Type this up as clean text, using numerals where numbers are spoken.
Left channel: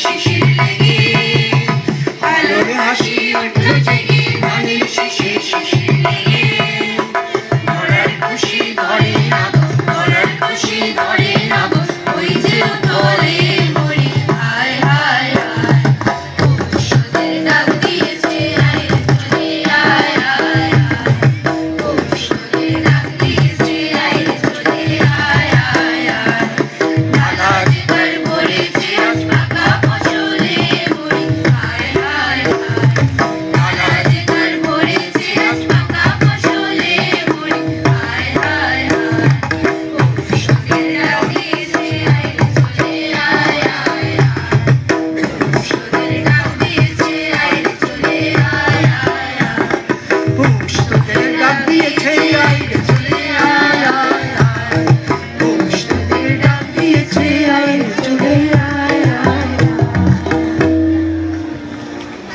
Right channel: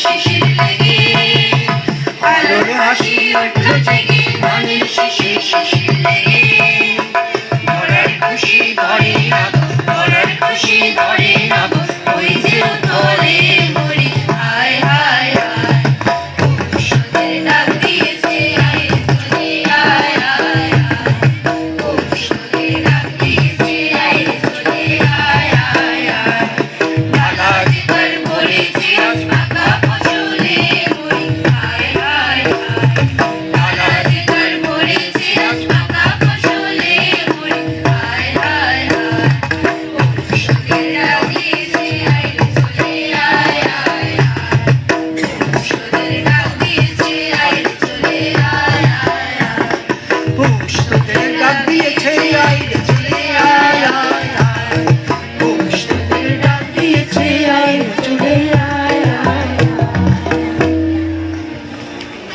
শিশির লেগে আলোর হাসি উঠল জেগে মনের শিশির শিশির লেগে মরার খুশি ধরে নাব মরার খুশি ধরে নাব ওই যে উতলে মরি হায় হায় হায় পৌষদের ডাক দিয়েছে আয় রে চলে আয় আয় পৌষদের ডাক দিয়েছে আয় রে চলে আয় আয় আয় ডালা যেতার ভরেছে আজ পাকা ফসলে মরি হায় হায় হায় ডালা যেতার ভরেছে আজ পাকা ফসলে মরি হায় হায় হায় পৌষদের ডাক দিয়েছে আয় রে চলে আয় আয় পৌষদের ডাক দিয়েছে আয় রে চলে আয় আয় পৌষ